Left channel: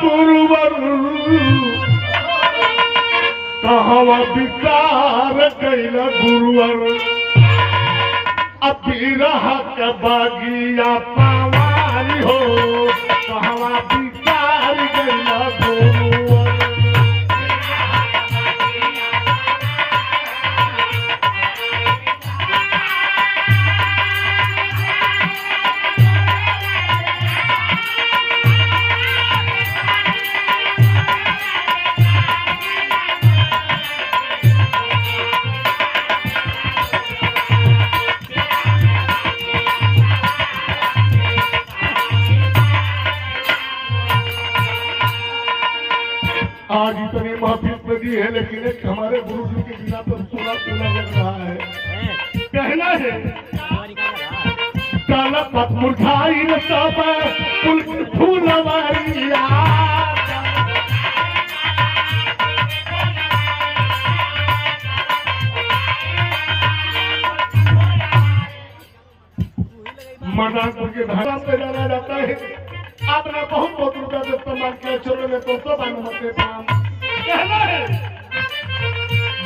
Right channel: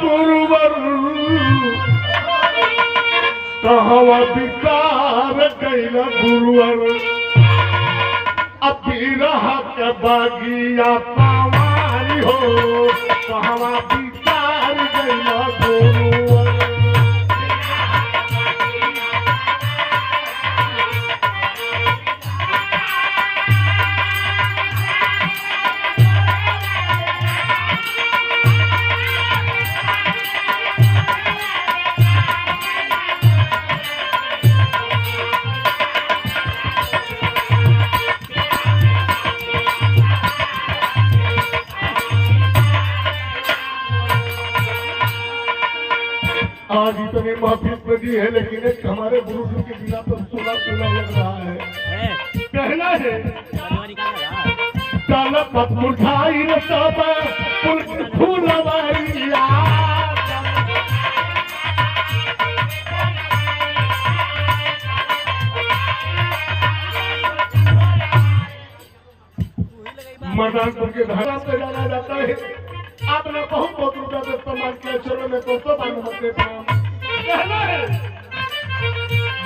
गुरुवर कहवा विचार कैल गुरुवर अभी रहा के बागिया पावारी हो कहवा विचार कैल गुरुवर आज इतने महफिल लगी है लेकिन एक हमारे गुरु जी के बिना तो सोना सोना लग रहा है। कहना है काला पत मुरझाई रसाबा पुल फूलवारिया मदानपुर के धारा पे डाला जाता है। आपने बहुत बहुत रुपया से सम्मान किया चलो में तो सब अनुमति प्रणाम। कहना है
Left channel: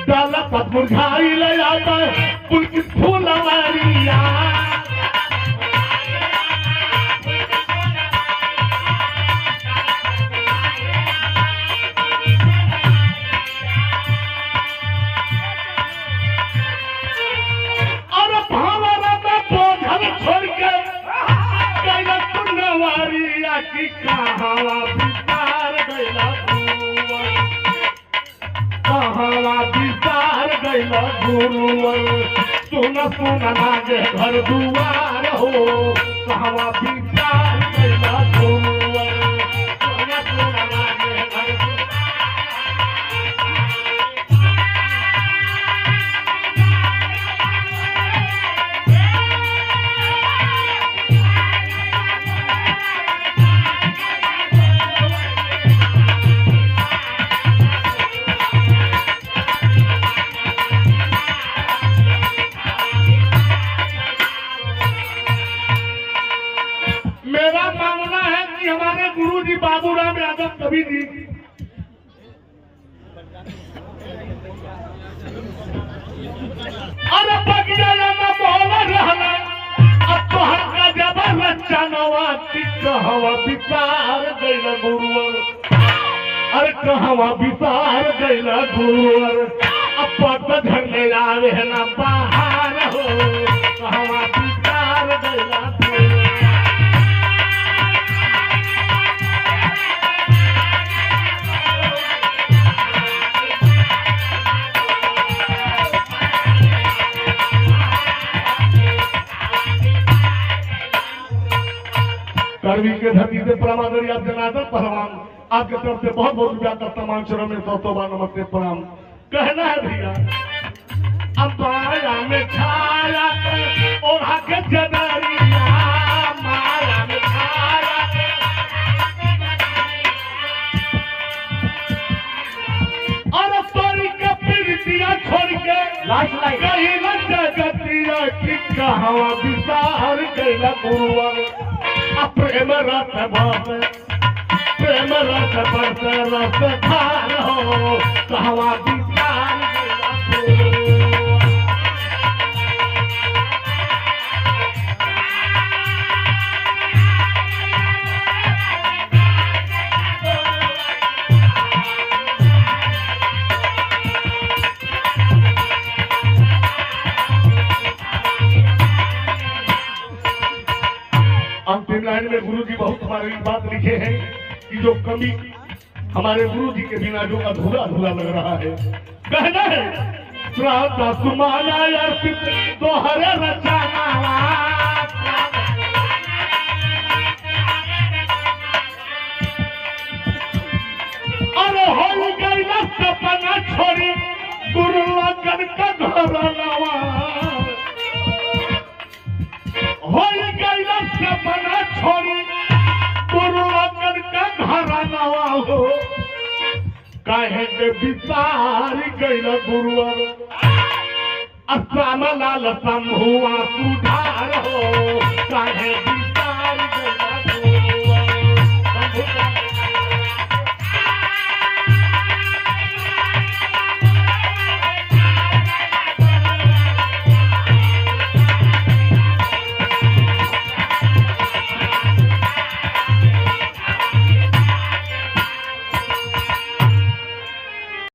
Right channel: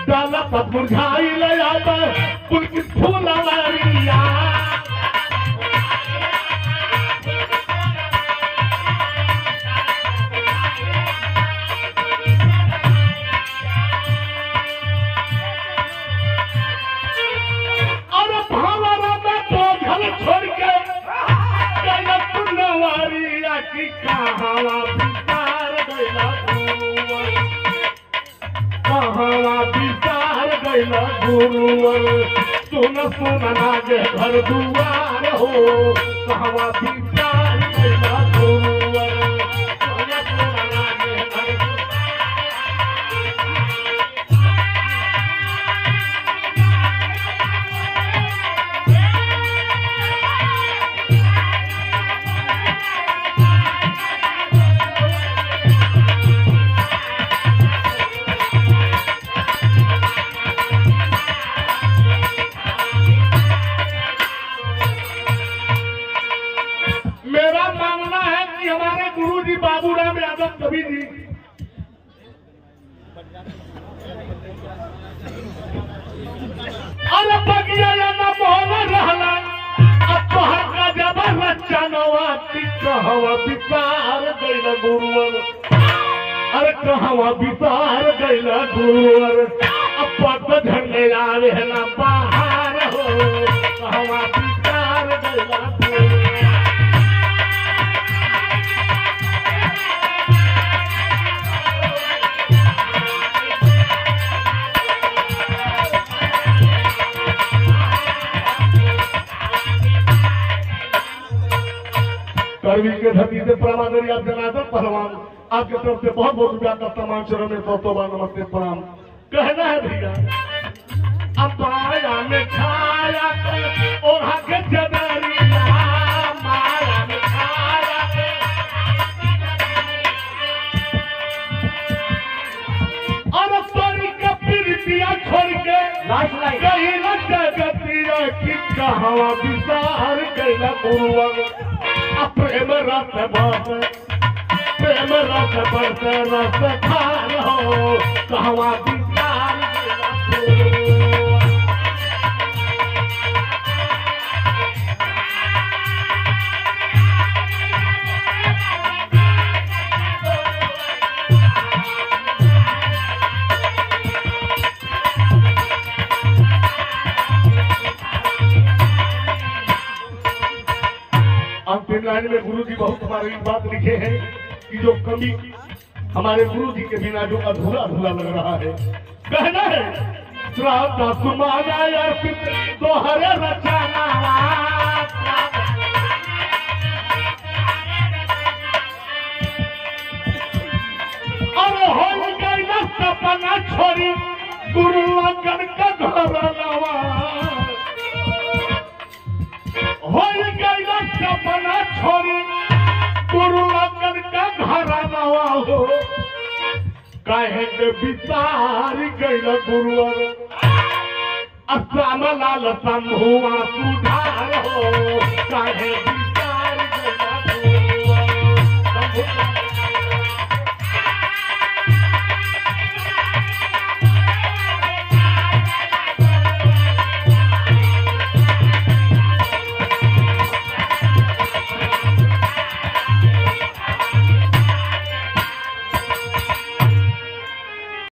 डाला पत मुरझाई ले आता पुल की फूलवारिया और भावना में बोझल छोड़ के कैला फूलवारिया की कहावा विचार गैला कहवा विचार गैला गुरुवर सुन सुन लागे घर दुआर हो कहवा विचार गैला गुरुवर सुन सुन लागे घर मेरा मानना है कि हमारे गुरु जी बाबूराम यादव कवि जी और बगिया ना बोल रहला अब तो हर का जबर बच्चा नवाती कहवा विचार गैला गुरुवर अरे कहवा विचार गैला गुरुवर अब पट झरने आवे ना बाहर हो कहवा विचार गैला गुरुवर करवी के धरती से प्रमाण आप जनार्दन पहलवान आपके तरफ से बहुत बहुत ज्यादा सम्मान चरण में सौ बार नमस्ते प्रणाम। कहना है भैया अब माया में छाया और आगे जबारिया माया में छाया और तोरी के पीड़ितिया छोड़ के गई न जगतिया की कहवा विचार कैला गुरुवर प्रेम रस बरस रस खार हो कहवा विचार अंतिम लाइन में गुरु जी बहुत हमारी बात लिखे हैं कि जो कमी हमारे गुरु जी के बिना जो अधूरा अधूरा लग रहा है। कहना है श्राद्ध सुमाना अर्पित दोहर रचाना अरे हो गई ना सपना छोड़ी गुरु लगन का घर नवा हो गई ना सपना छोड़ी गुरु लगन का घर नवा हो काहे के विचार गैल गुरुवर असाम लाल संभुआ सुधार हो काहे विचार गैल गुरुवर